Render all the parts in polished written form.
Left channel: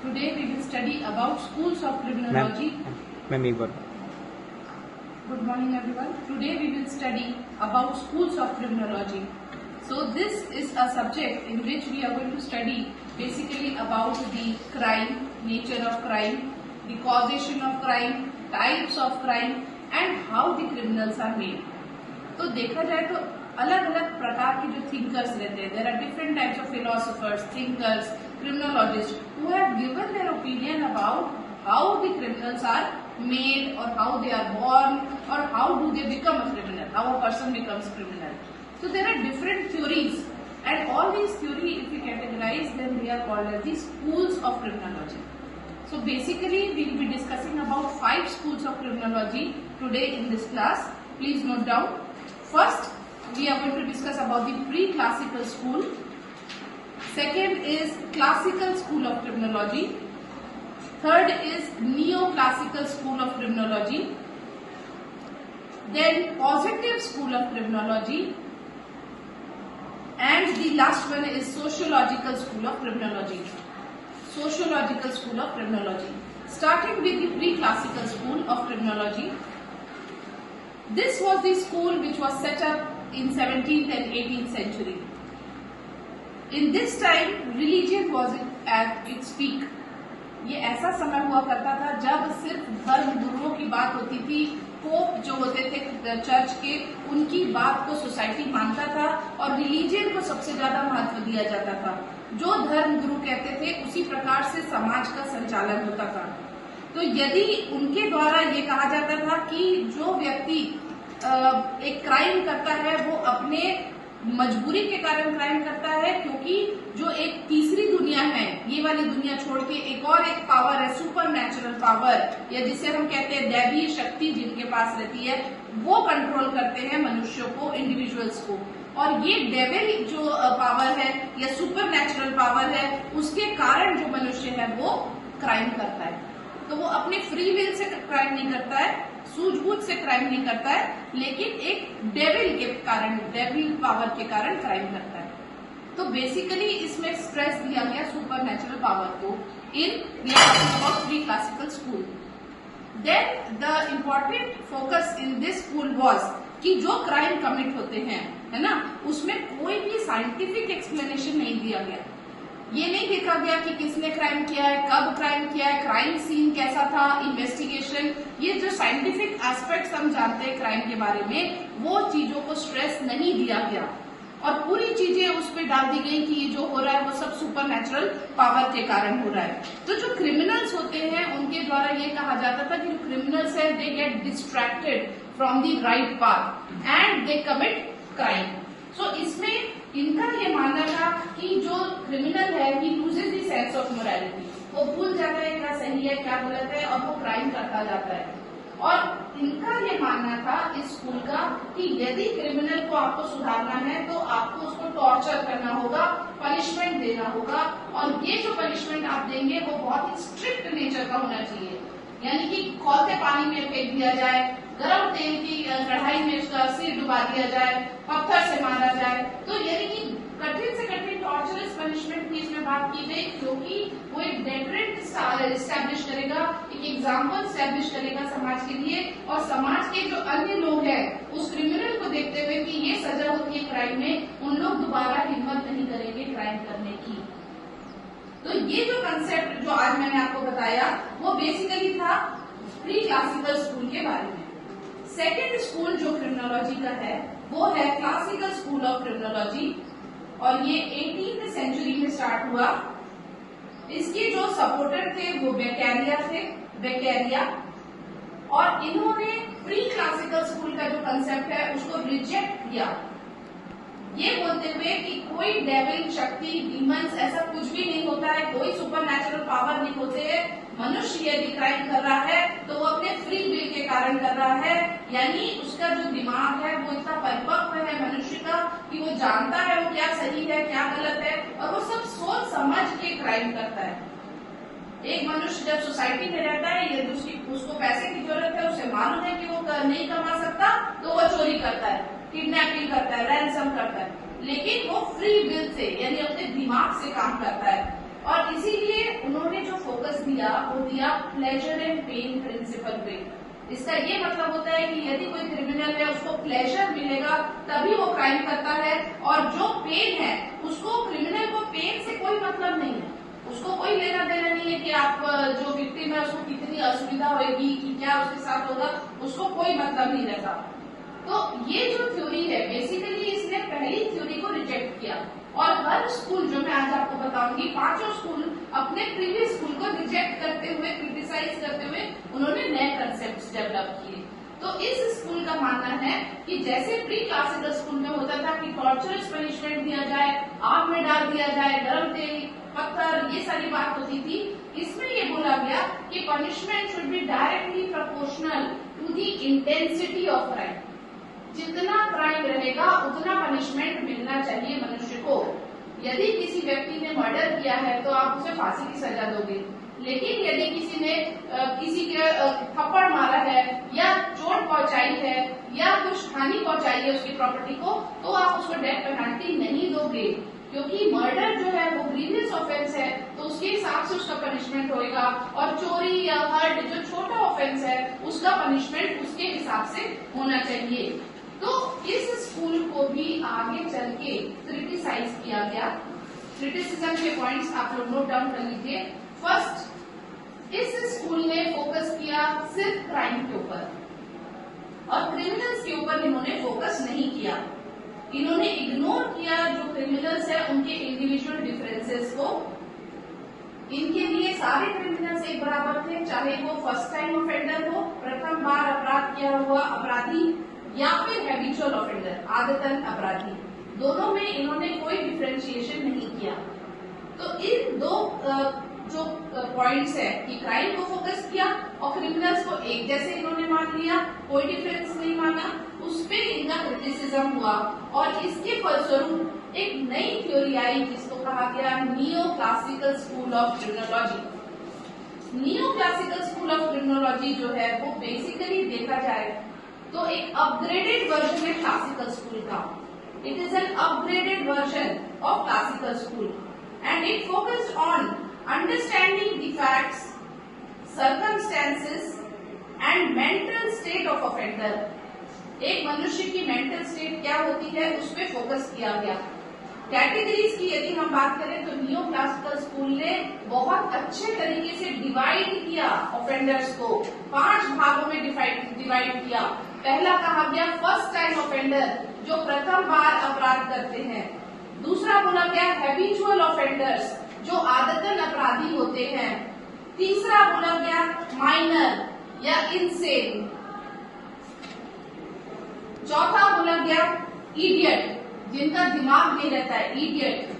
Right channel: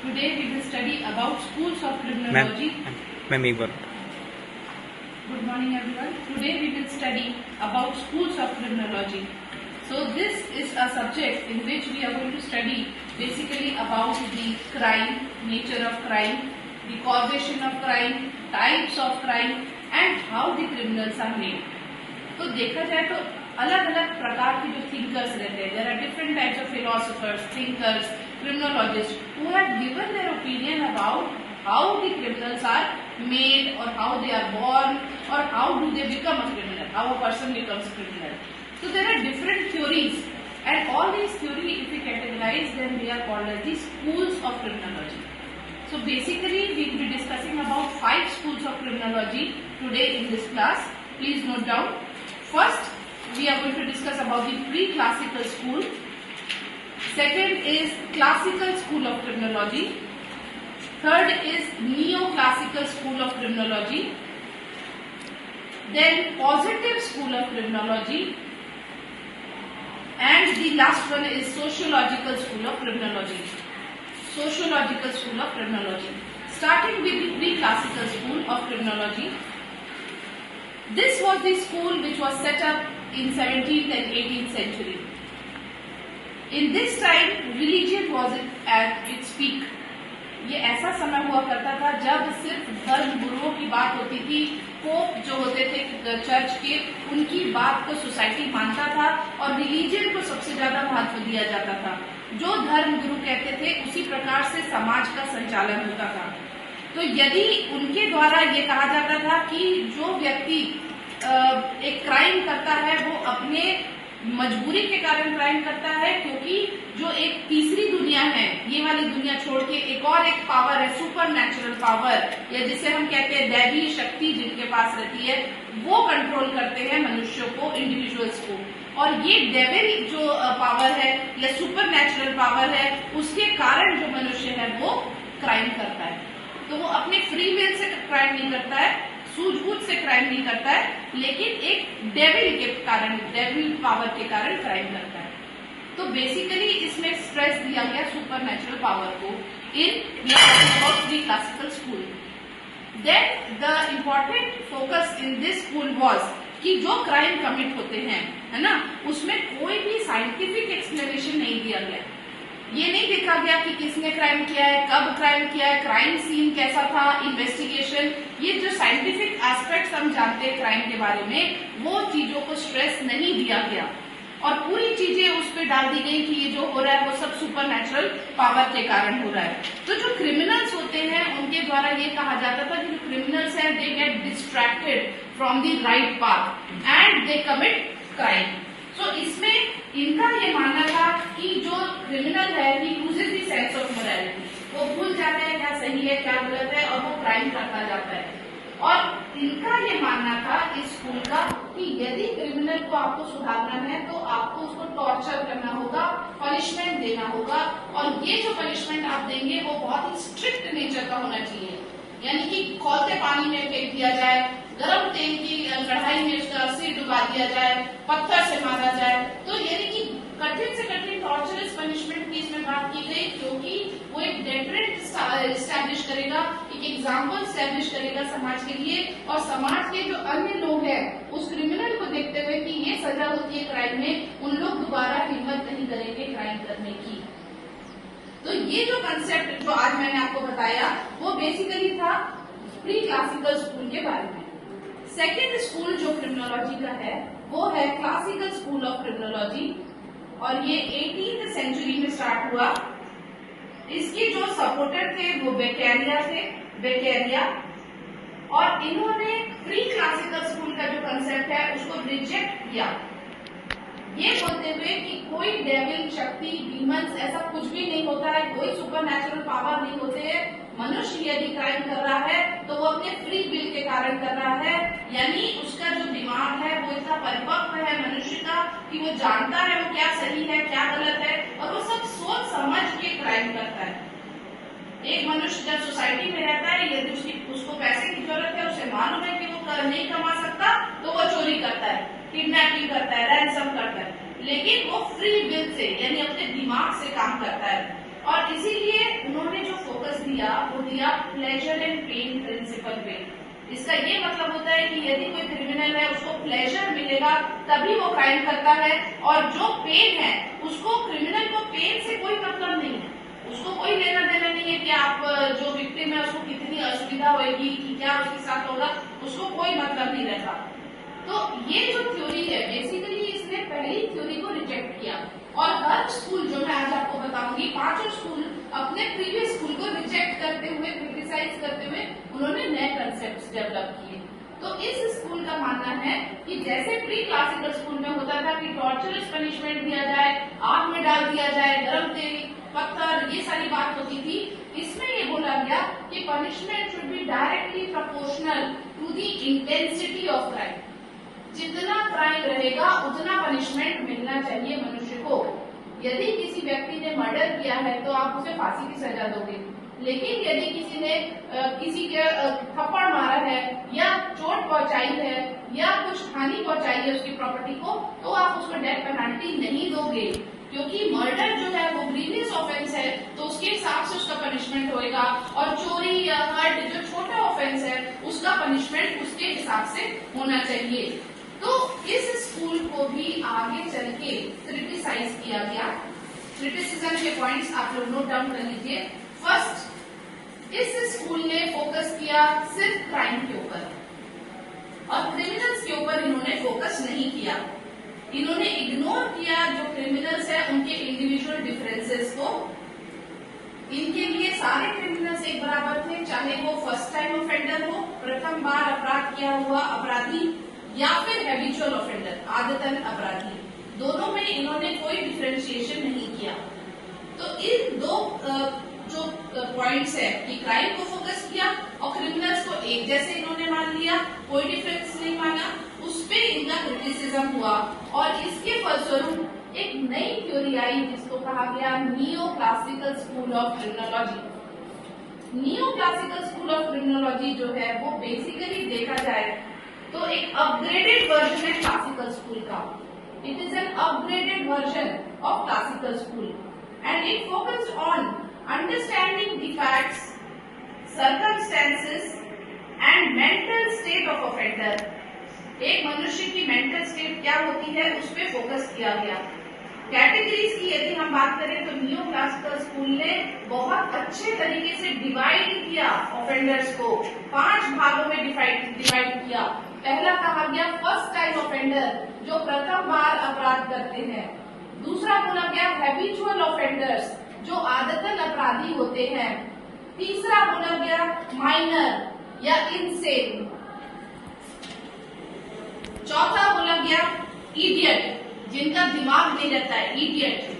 Today we will study about schools of criminology. Ma'am एक बार Good morning everyone. Today we will study about schools of criminology. So this is a subject in which we are going to study basically about the crime, nature of crime, the causation of crime, types of crime and how the criminals are made. तो देखा जाए तो अलग अलग प्रकार के जो thinkers रहते हैं, there are different types of philosophers, thinkers, criminologists who have given their opinion about how the criminals are made or how they are born or how do they become a criminal, how a person becomes a criminal. So there are different theories and all these theories, if we categorize them, they are called as the schools of criminology. So basically we will be discussing about 5 schools of criminology today in this class. Please note down. First we are going to discuss about the pre-classical school. Second is classical school of criminology. Third is neoclassical school of criminology. Then positive school of criminology. And the last one is sociological school of criminology. Sociological school of criminology. Starting with the pre-classical school of criminology. This was the school which was set up in 17th and 18th century. In this time, religion was at its peak. ये ऐसा समय हुआ करता था जब सिर्फ धर्म गुरुओं की बात होती थी, पोप जो होते थे चर्च के, उनकी बात को सोसाइटी मानता था और रिलीजन को सबसे ज्यादा महत्व दिया जाता था. जो धर्म गुरु कहते थे उसी प्रकार से समाज का संचालन होता था. तो यदि उनके द्वारा ये कहा जाता था कि जो व्यक्ति एक क्राइम करता है वो अपने मजबूरी के कारण क्राइम करता है, क्योंकि जो एक तीसरी दुनिया है, ये वाली दुनिया छोड़ के एक और एक पावर है, सुपर नेचुरल पावर, या जिसे हम कहते हैं दैवी शक्ति जिनके पास रहती है, वो कंट्रोल करते हैं मनुष्यों को, इंडिविजुअल्स को. और ये डेविल जो पावर है या सुपर नेचुरल पावर है, उसके कारण जो मनुष्य है वो क्राइम करता है. तो वो अपने फ्री विल से क्राइम नहीं करता है, सूझबूझ से क्राइम नहीं करता है, लेकिन एक डेविल के कारण, डेविल पावर के कारण क्राइम करता है. तो बेसिकली इसमें स्ट्रेस दिया गया सुपर नेचुरल पावर को in pre classical school. Then the important focus in this school was कि जो क्राइम कमिट होते हैं, है ना, उसमें कोई भी साइंटिफिक एक्सप्लेनेशन नहीं दिया गया. ये नहीं देखा गया कि किसने क्राइम किया है, कब क्राइम किया है, क्राइम सीन कैसा था, इन्वेस्टिगेशन, ये जो साइंटिफिक एस्पेक्ट्स हम जानते हैं क्राइम के बारे में, वो चीजों को स्ट्रेस नहीं दिया गया और पूरी चीजें उस पर डाल दी गई कि ये जो हो रहा है वो सब सुपर नेचुरल पावर के कारण हो रहा है. तो जो क्रिमिनल्स होते हैं उनके द्वारा ये कहा जाता था कि जो क्रिमिनल्स हैं they get distracted from the right path and they commit crime. So इसमें इनका ये मानना था कि जो क्रिमिनल है he loses the sense of morality, वो भूल जाता है क्या सही है क्या गलत है और वो क्राइम करता जाता है. और इनका ये मानना था इस स्कूल का कि यदि क्रिमिनल को आपको सुधारना है तो आपको उसको टॉर्चर करना होगा, पनिशमेंट देना होगा, और ये जो पनिशमेंट आप देंगे वो बहुत ही स्ट्रिक्ट नेचर का होना चाहिए. यानी कि खौलते पानी में फेंक दिया जाए, गर्म तेल की कढ़ाई में उसका सिर डुबा दिया जाए, पत्थर से मारा जाए. तो यानी कि कठिन से कठिन टॉर्चरस पनिशमेंट की इसमें बात की गई, क्योंकि वो एक डेटरेंट स्टैब्लिश करेगा, एक एग्जाम्पल स्टैब्लिश करेगा समाज के लिए, और समाज के जो अन्य लोग हैं उस क्रिमिनल को देखते हुए कि ये सजा होती है क्राइम में, उन लोग दोबारा हिम्मत नहीं करेंगे क्राइम करने की. तो ये जो कंसेप्ट जो आज मैंने आपको बताया वो बेसिकली था प्री क्लासिकल स्कूल के बारे में. सेकेंड स्कूल जो क्रिमिनोलॉजी का है वो है क्लासिकल स्कूल ऑफ क्रिमिनोलॉजी, और ये 18th सेंचुरी में स्टार्ट हुआ. इसके जो सपोर्टर थे वो बेक्केरिया थे, बेक्केरिया, और इन्होंने प्री क्लासिकल स्कूल का जो कंसेप्ट है उसको रिजेक्ट किया, ये बोलते हुए कि कोई डेविल शक्ति, डीमंस, ऐसा कुछ भी नहीं होता है, कोई सुपर नेचुरल पावर नहीं होते है. मनुष्य यदि क्राइम कर रहा है तो वो अपने फ्री विल के कारण कर रहा है, यानी उसका जो दिमाग है वो इतना परिपक्व है मनुष्य का कि वो जानता है वो क्या सही है क्या गलत है, और वो सब सोच समझ के क्राइम करता है. एक मनुष्य जब सोसाइटी में रहता है, यदि उसको पैसे की जरूरत है, उसे मालूम है कि वो नहीं कमा सकता, तो वो चोरी करता है, किडनैपिंग करता है, रैंसम करता है, लेकिन वो फ्री विल से यानी अपने दिमाग से काम करता है. और इसीलिए उन्होंने जो दिया वो दिया प्लेजर एंड पेन प्रिंसिपल पे। इसका ये मतलब होता है कि यदि कोई क्रिमिनल है उसको प्लेजर मिलेगा तभी वो क्राइम करता है, और जो पेन है उसको, क्रिमिनल को पेन से कोई मतलब नहीं है, उसको कोई लेना देना नहीं है कि आप जो विक्टिम है उसको कितनी असुविधा होगी कि क्या उसके साथ होगा, उसको कोई मतलब नहीं रहता। तो ये जो थ्योरी है बेसिकली इसने पहली थ्योरी को रिजेक्ट किया, और हर स्कूल जो मैं आज आपको बताऊंगी, पांचों स्कूल अपने प्रीवियस स्कूल को रिजेक्ट करते हुए, क्रिटिसाइज करते हुए उन्होंने नए कंसेप्ट डेवलप किए। तो इस स्कूल का मानना है कि जैसे प्री क्लासिकल स्कूल में होता था कि टॉर्चरस पनिशमेंट दिया जाए, आग में डाल दिया जाए, गरम तेल, पत्थर, ये सारी बात होती थी, इसमें ये बोला गया कि punishment should be directly proportional to the intensity of crime. जितना क्राइम रहेगा उतना पनिशमेंट मिलना चाहिए मनुष्य को। यदि किसी व्यक्ति ने मर्डर किया है तो आप उसे फांसी की सजा दोगे, लेकिन यदि किसी ने किसी के थप्पड़ मारा है या चोट पहुंचाई है या कुछ हानि पहुंचाई है उसकी प्रॉपर्टी को, तो आप उसको डेथ पेनल्टी नहीं दोगे, क्योंकि मर्डर जो है वो ग्रीवियस ऑफेंस है, तो उसके हिसाब से उसका पनिशमेंट होएगा, और चोरी या हर्ट जो छोटा ऑफेंस है उसका पनिशमेंट उसके हिसाब से होना चाहिए। तो इस स्कूल को भी आगे चल के क्रिटिसाइज किया गया। क्रिटिसिज्म के पॉइंट्स आप लोग नोट डाउन कर लीजिए। फर्स्ट, इस स्कूल ने फोकस किया सिर्फ क्राइम के ऊपर, और क्रिमिनल्स के ऊपर इन्होंने फोकस नहीं किया। इन्होंने इग्नोर किया जो क्रिमिनल्स है उनके इंडिविजुअल डिफरेंसेस को। इनके लिए सारे क्रिमिनल्स एक बराबर थे, चाहे वो फर्स्ट टाइम ऑफेंडर हो, प्रथम बार अपराध किया हुआ अपराधी, या फिर हैबिचुअल ऑफेंडर, आदतन अपराधी, दोनों में इन्होंने कोई डिफरेंशिएशन नहीं किया। तो इन दो जो पॉइंट्स है कि क्राइम को फोकस किया और क्रिमिनल्स को एक जैसे इन्होंने मान लिया, कोई डिफरेंस नहीं माना, उस पे इनका क्रिटिसिज्म हुआ, और इसके फलस्वरूप एक नई थ्योरी आई जिसको कहा गया neo classical school of criminology. Neo classical school of criminology जो है वो बेसिकली देखा जाए तो एक अपग्रेडेड वर्जन है क्लासिकल स्कूल का। It is an upgraded version of classical school and it focused on understanding the facts, circumstances and mental state of offender. एक मनुष्य की मेंटल स्टेट क्या होती है उस पर फोकस किया गया। कैटेगरीज की यदि हम बात करें तो नियो क्लासिकल स्कूल ने बहुत अच्छे तरीके से डिवाइड किया ऑफेंडर्स को, 5 भागों में डिवाइड किया। पहला कहा गया फर्स्ट टाइम ऑफेंडर, जो प्रथम बार अपराध करते हैं। दूसरा बोला गया हैबिचुअल ऑफेंडर्स, जो आदतन अपराधी होते हैं। तीसरा बोला गया माइनर या इनसेन। चौथा बोला गया इडियट, जिनका दिमाग नहीं रहता है, इडियट।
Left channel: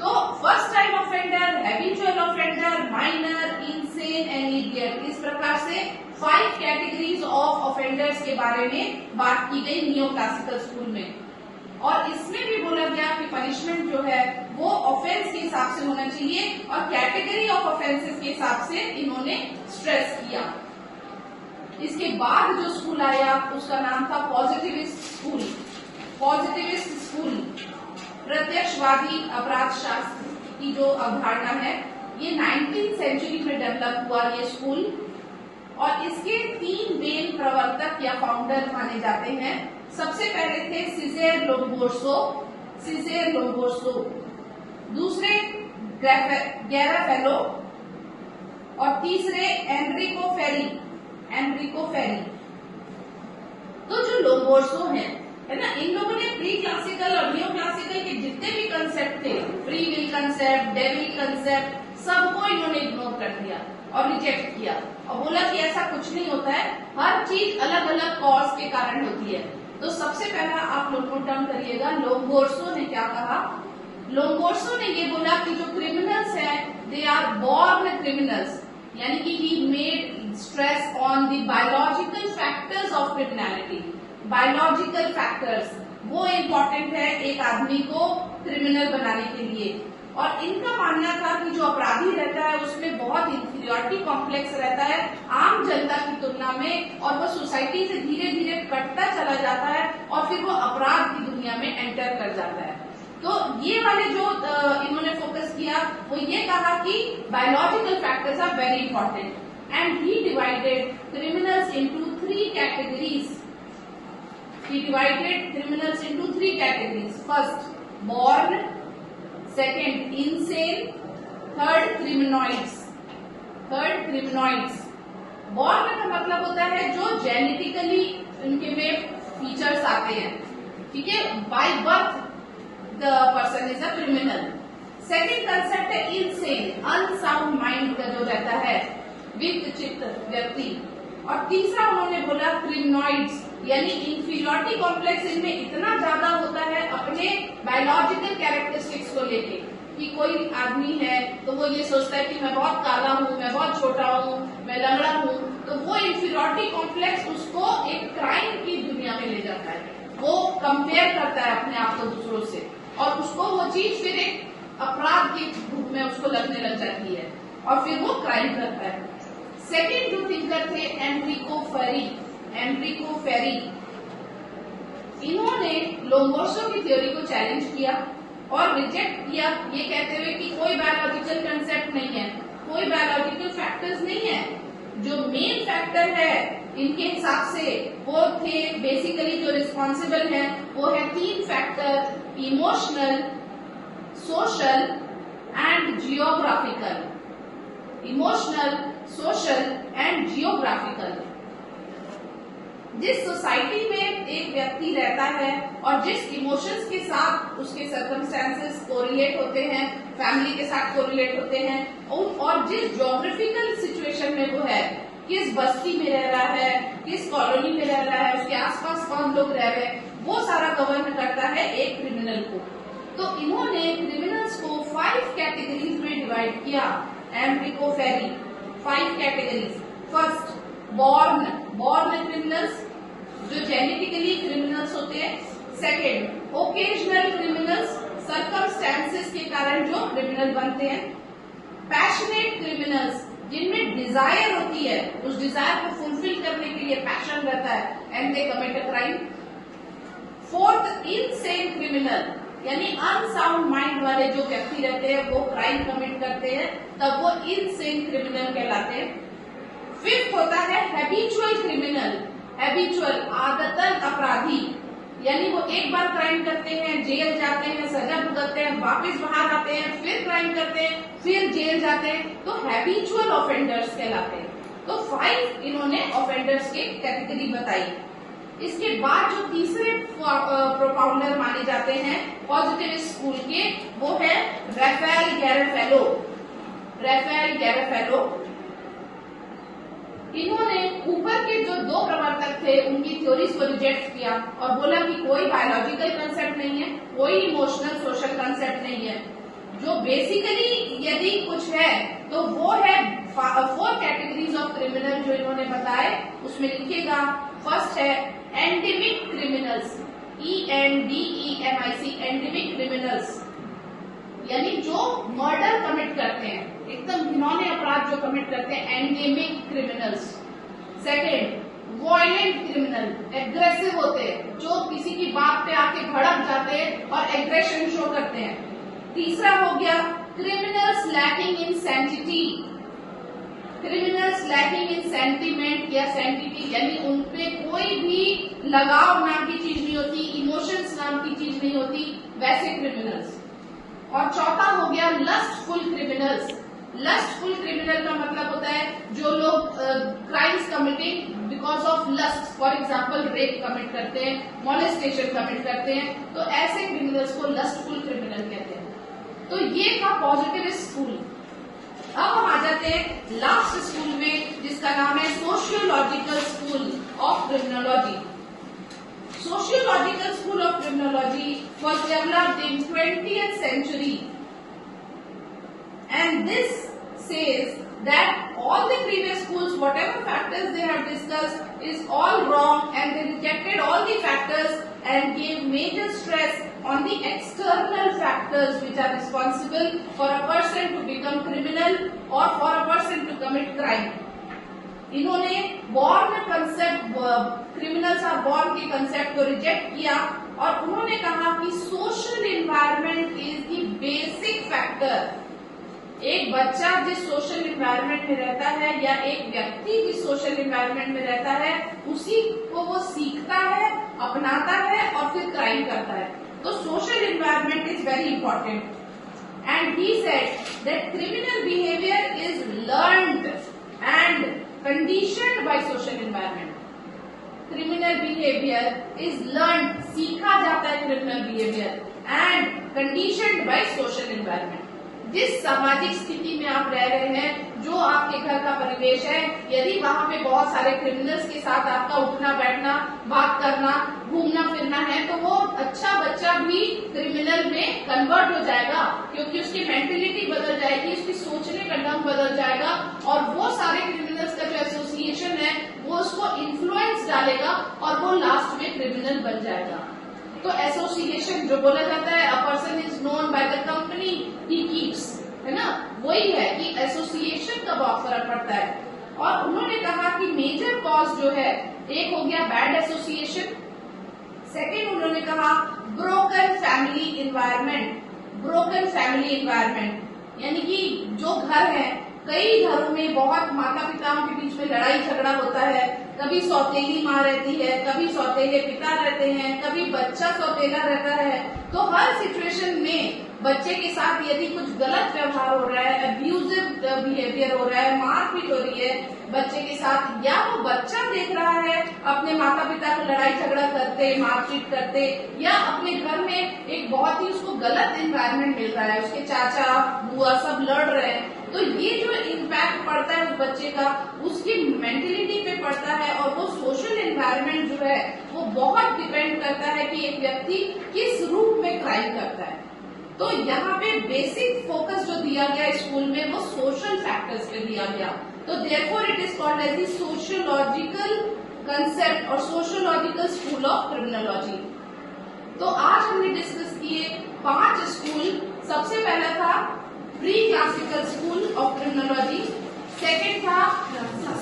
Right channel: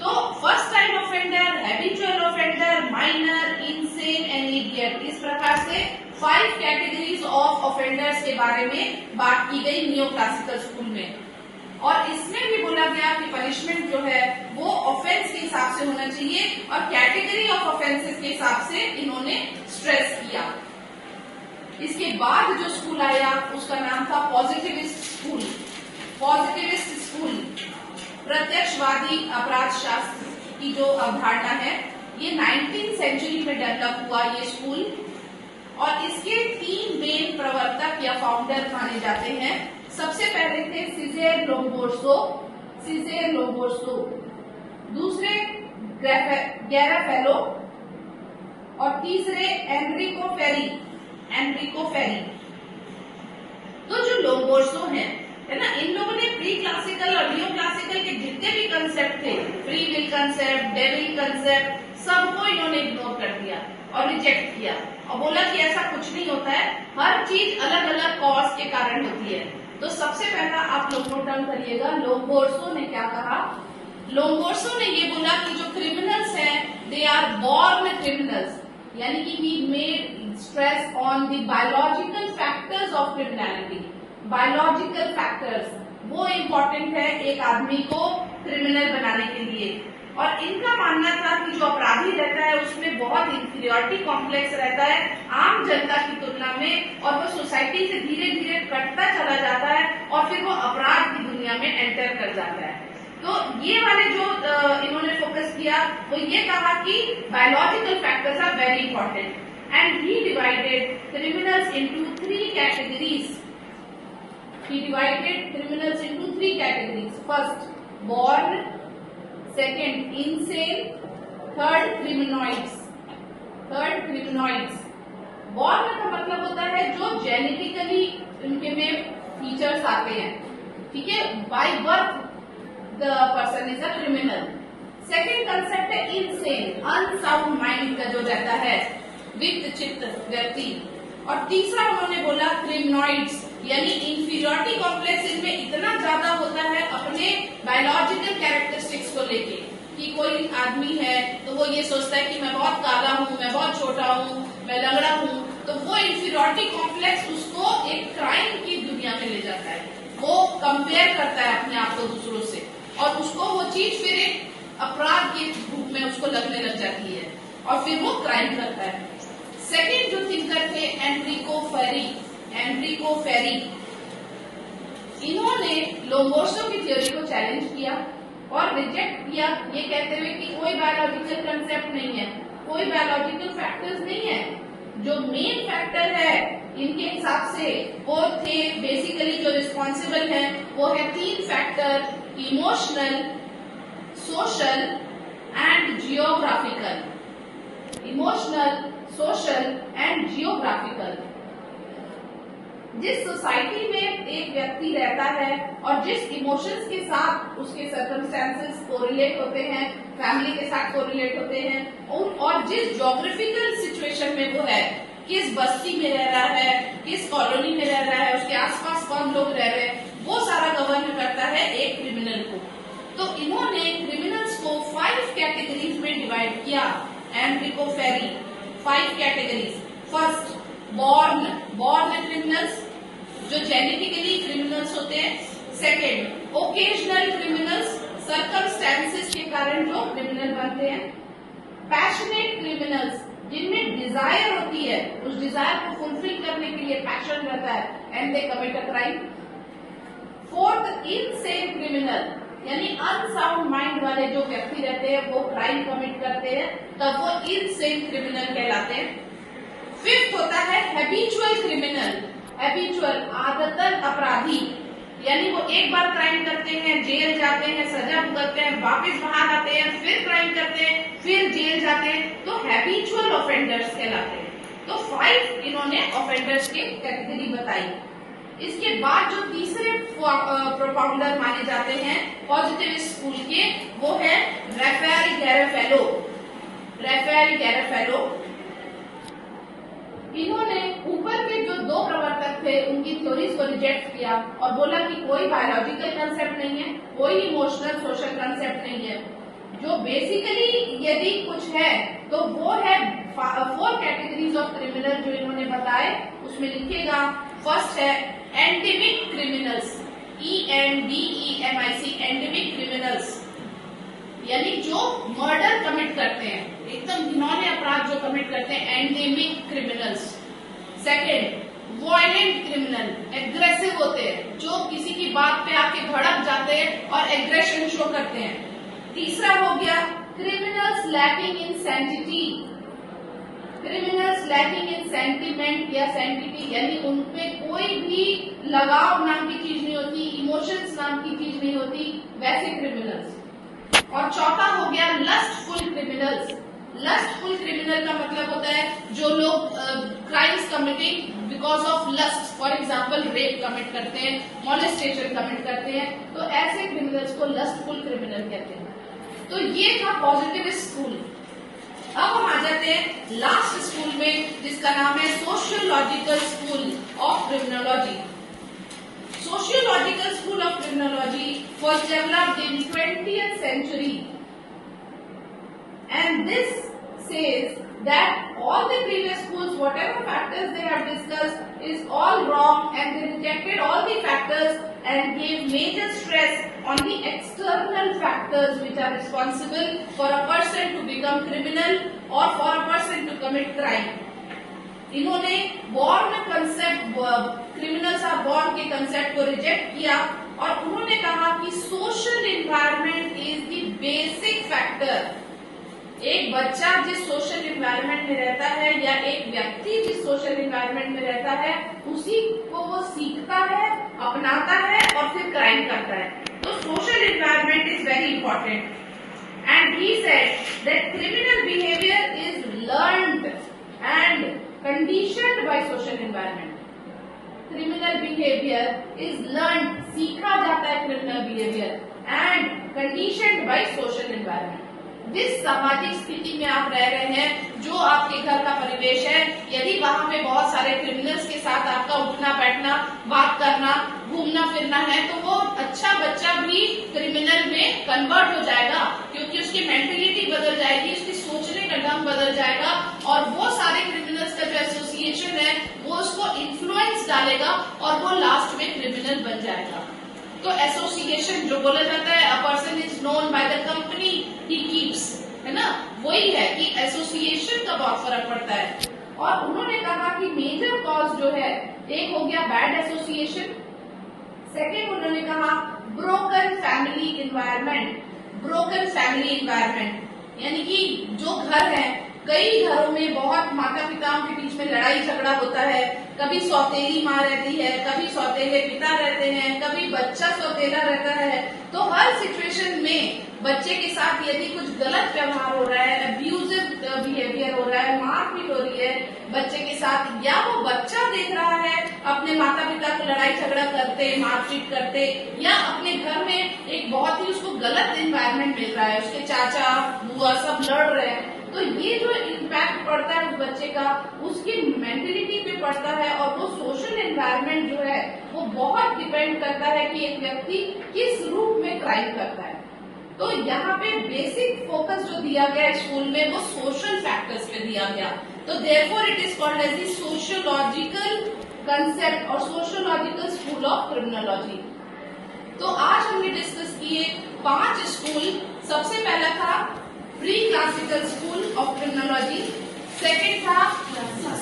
तो first time offender, habitual offender, minor, insane and idiot, इस प्रकार से 5 कैटेगरीज ऑफ ऑफेंडर्स के बारे में बात की गई नियो क्लासिकल स्कूल में। और इसमें भी बोला गया कि पनिशमेंट जो है वो ऑफेंस के हिसाब से होना चाहिए, और कैटेगरी ऑफ ऑफेंसेस के हिसाब से इन्होंने स्ट्रेस किया। इसके बाद जो स्कूल आया उसका नाम था पॉजिटिविस्ट स्कूल। पॉजिटिविस्ट स्कूल प्रत्यक्षवादी अपराध शास्त्र की जो अवधारणा है, ये 19th सेंचुरी में डेवलप हुआ ये स्कूल, और इसके 3 मेन प्रवर्तक या फाउंडर माने जाते हैं। सबसे पहले थे सीज़र लोम्बोर्सो, दूसरे गैराफेलो, और तीसरे एनरिको फेरी। तो जो लोम्बोर्सो है ना, इन लोगों ने प्री क्लासिकल और नियो क्लासिकल के जितने भी कंसेप्ट थे, free will concept, devil concept, सबको इन्होंने इग्नोर कर दिया और रिजेक्ट किया, और बोला कि ऐसा कुछ नहीं होता है, हर चीज अलग अलग कॉज के कारण होती है। तो सबसे पहला आप लोग नोट डाउन करिएगा, लोम्बोर्सो ने क्या कहा। लोम्बोर्सो ने ये बोला कि जो क्रिमिनल्स हैं दे आर बॉर्न क्रिमिनल्स, यानी कि he made stress on the biological factors of criminality. Biological factors वो इम्पोर्टेंट है एक आदमी को क्रिमिनल बनाने के लिए। और इनका मानना था कि जो अपराधी रहता है उसमें बहुत इंफीरियरिटी कॉम्प्लेक्स रहता है आम जनता की तुलना में, और वो सोसाइटी से धीरे धीरे कटता चला जाता है और फिर वो अपराध की दुनिया में एंटर कर जाता है। तो ये वाले जो इन्होंने फोकस किया वो ये कहा कि biological factor very important. And he divided criminals into three categories. He divided criminals into three categories. First, born. Second, insane. Third, criminals. born का मतलब होता है जो जेनेटिकली उनके में फीचर्स आते हैं, ठीक है, by birth the person is a criminal. Second concept है इनसेन, अनसाउंड माइंड का जो रहता है, वित्त चित्त व्यक्ति. और तीसरा उन्होंने बोला क्रिमिनॉइड्स, यानी इंफीरियरिटी कॉम्प्लेक्स इनमें इतना ज्यादा होता है अपने बायोलॉजिकल कैरेक्टरिस्टिक्स को लेके कि कोई आदमी है तो वो ये सोचता है कि मैं बहुत काला हूँ, मैं बहुत छोटा हूँ, मैं लंगड़ा हूँ, तो वो इंफीरियरिटी कॉम्प्लेक्स उसको एक क्राइम की दुनिया में ले जाता है. वो कंपेयर करता है अपने आप को दूसरों से और उसको वो चीज फिर एक अपराध के रूप में उसको लगने लग जाती है और फिर वो क्राइम करता है. सेकेंड जो थिंकर थे एनरिको फेरी, इन्होंने लोमोर्सो की थ्योरी को चैलेंज किया और रिजेक्ट किया, ये कहते हुए कि कोई बायोलॉजिकल कंसेप्ट नहीं है, कोई बायोलॉजिकल फैक्टर्स नहीं है. जो मेन फैक्टर है इनके हिसाब से वो थे बेसिकली जो रिस्पॉन्सिबल है वो है तीन factor, emotional, social and geographical. Emotional, social and geographical. जिस सोसाइटी में एक व्यक्ति रहता है और जिस इमोशंस के साथ उसके सर्कमस्टेंसेस कोरिलेट होते हैं, फैमिली के साथ कोरिलेट होते हैं, और जिस ज्योग्राफिकल सिचुएशन में वो है, किस बस्ती में रह रहा है, किस कॉलोनी में रह रहा है, उसके आसपास कौन लोग रह रहे हैं, वो सारा गवर्न करता है एक क्रिमिनल को. तो इन्होंने क्रिमिनल्स को 5 कैटेगरीज में डिवाइड किया. एनरिको फेरी 5 कैटेगरीज. फर्स्ट, बॉर्न क्रिमिनल्स जो जेनेटिकली क्रिमिनल्स होते हैं. सेकेंड, ओकेजनल क्रिमिनल्स, सर्कमस्टेंसेस के कारण जो क्रिमिनल बनते हैं. पैशनेट क्रिमिनल्स जिनमें डिजायर होती है, उस डिजायर को फुलफिल करने के लिए पैशन रहता है and they commit a crime. Fourth, insane criminal यानी अनसाउंड माइंड वाले जो व्यक्ति रहते हैं वो क्राइम कमिट करते हैं, तब वो इनसेन क्रिमिनल कहलाते हैं. फिफ्थ होता है हैबिचुअल क्रिमिनल, हैबिचुअल आदतन अपराधी, यानी वो एक बार क्राइम करते हैं, जेल जाते हैं, सजा भुगतते हैं, वापस बाहर आते हैं, फिर क्राइम करते हैं, फिर जेल जाते हैं, तो हैबिचुअल ऑफेंडर्स कहलाते हैं. तो 5 इन्होंने ऑफेंडर्स की कैटेगरी बताई. इसके बाद जो तीसरे प्रोपाउंडर माने जाते हैं पॉजिटिव स्कूल के, वो है रफेल गैरेफेलो. इन्होंने ऊपर के जो 2 प्रवर्तक थे उनकी थ्योरीज को रिजेक्ट किया और बोला कि कोई बायोलॉजिकल कंसेप्ट नहीं है, कोई इमोशनल सोशल कंसेप्ट नहीं है. जो बेसिकली यदि कुछ है तो वो है 4 कैटेगरीज ऑफ क्रिमिनल जो इन्होंने बताए, उसमें लिखेगा. फर्स्ट है endemic criminals, ENDEMIC, endemic criminals, यानी जो मर्डर कमिट करते हैं, एकदम घिनौने अपराध जो कमिट करते हैं, endemic criminals. Second, violent criminal, aggressive होते हैं, जो किसी की बात पे आके भड़क जाते हैं और एग्रेशन शो करते हैं. तीसरा हो गया criminals lacking in sanctity, criminals lacking in sentiment या सैंक्टिटी, यानी उनपे कोई भी लगाव नाम की चीज नहीं होती, इमोशंस नाम की चीज नहीं होती, वैसे क्रिमिनल्स. और चौथा हो गया लस्टफुल क्रिमिनल्स. लस्टफुल क्रिमिनल का मतलब होता है जो लोग crimes committing because of lust, for example rape commit करते हैं, मॉलेस्टेशन कमिट करते हैं, तो ऐसे क्रिमिनल्स को लस्टफुल क्रिमिनल कहते हैं. तो ये था पॉजिटिव स्कूल. अब हम आ जाते हैं लास्ट स्कूल में जिसका नाम है sociological school of criminology. Sociological school of criminology was developed in 20th century, and this says that all the previous schools, whatever factors they have discussed, is all wrong, and they rejected all the factors and gave major stress on the external factors which are responsible for a person to become criminal or for a person to commit crime. इन्होंने born concept, criminals are born के concept को reject किया और उन्होंने कहा कि social environment is the basic factor. एक बच्चा जिस सोशल इन्वायरमेंट में रहता है या एक व्यक्ति जिस सोशल इन्वायरमेंट में रहता है उसी को वो सीखता है, अपनाता है और फिर क्राइम करता है। तो social environment is very important and he said that criminal behaviour is learned and conditioned by social environment. Criminal behaviour is learned, सीखा जाता है criminal behaviour and conditioned by social environment. जिस सामाजिक स्थिति में आप रह रहे हैं, जो आपके घर का परिवेश है, यदि वहाँ पे बहुत सारे क्रिमिनल्स के साथ आपका उठना बैठना, बात करना, घूमना फिरना है, तो वो अच्छा बच्चा भी क्रिमिनल में कन्वर्ट हो जाएगा, क्योंकि उसकी मेंटेलिटी बदल जाएगी, उसकी सोचने का ढंग बदल जाएगा और वो सारे क्रिमिनल्स का जो एसोसिएशन है वो उसको इन्फ्लुएंस डालेगा और वो लास्ट में क्रिमिनल बन जाएगा। तो एसोसिएशन जो बोला जाता है, a person is known by the company he keeps, है ना, वही है कि एसोसिएशन का बहुत फर्क पड़ता है। और उन्होंने कहा कि मेजर कॉज जो है, एक हो गया बैड एसोसिएशन, सेकेंड उन्होंने कहा broken family environment. Broken family environment यानी कि जो घर है, कई घरों में बहुत माता पिताओं के बीच में लड़ाई झगड़ा होता है, कभी सौतेली माँ रहती है, कभी सौतेले पिता रहते हैं, कभी बच्चा सौतेला रहता है। तो हर सिचुएशन में बच्चे के साथ यदि कुछ गलत व्यवहार हो रहा है, अब्यूजिव बिहेवियर हो रहा है, मारपीट हो रही है बच्चे के साथ, या वो बच्चा देख रहा है अपने माता पिता को लड़ाई झगड़ा करते, मारपीट करते, या अपने घर में एक बहुत ही उसको गलत एनवायरनमेंट मिल रहा है, उसके चाचा बुआ सब लड़ रहे हैं, तो ये जो इम्पैक्ट पड़ता है उस बच्चे का, उसकी मेंटेलिटी पे पड़ता है और वो सोशल एनवायरनमेंट जो है वो बहुत डिपेंड करता है कि एक व्यक्ति किस रूप में क्राइम करता है। तो यहाँ पे बेसिक फोकस जो दिया गया स्कूल में वो सोशल फैक्टर्स पे दिया गया। तो therefore it is called as the sociological concept और सोशियोलॉजिकल स्कूल ऑफ क्रिमिनोलॉजी। तो आज हमने डिस्कस किए 5 स्कूल। सबसे पहला था pre classical school of criminology, second था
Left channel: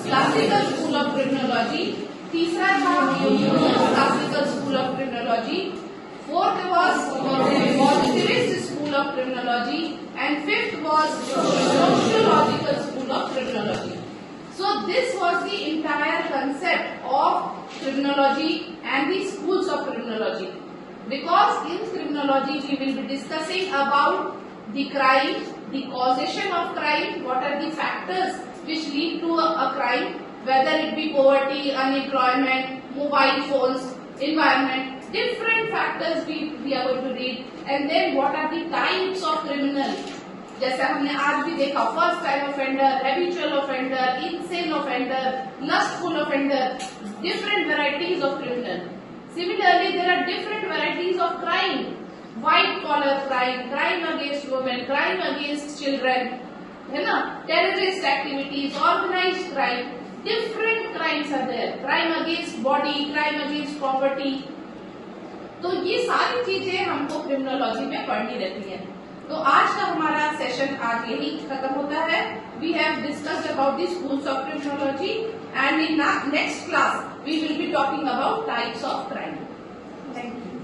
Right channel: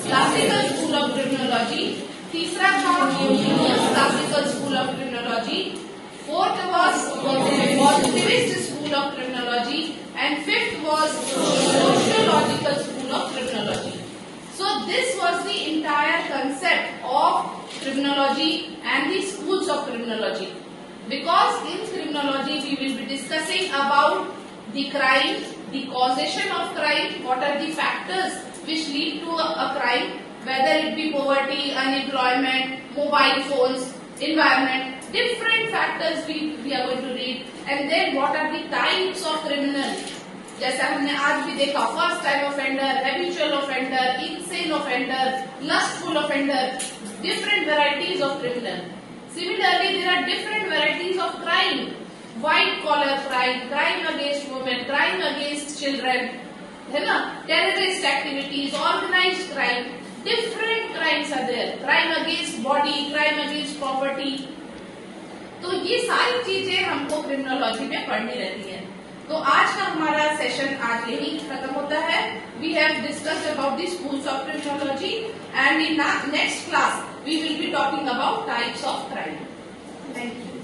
क्लासिकल स्कूल ऑफ क्रिमिनोलॉजी, तीसरा था classical school of criminology, fourth was positivist school of criminology and fifth was sociological school of criminology. So this was the entire concept of criminology and the schools of criminology. Because in criminology we will be discussing about the crime, the causation of crime, what are the factors which lead to a crime, whether it be poverty, unemployment, mobile phones, environment, different factors we are going to read, and then what are the types of criminal, जैसा हमने आज भी देखा, first time offender, habitual offender, insane offender, lustful offender, different varieties of criminal. Similarly, there are different varieties of crime, white collar crime, crime against women, crime against children, है ना, terrorist activities, organized crime, different crimes are there, crime against body, crime against property. तो ये सारी चीजें हमको criminology में पढ़नी रहती हैं। तो आज का हमारा सेशन आज यही खत्म होता है। We have discussed about the schools of criminology and in next class we will be talking about types of crime. Thank you.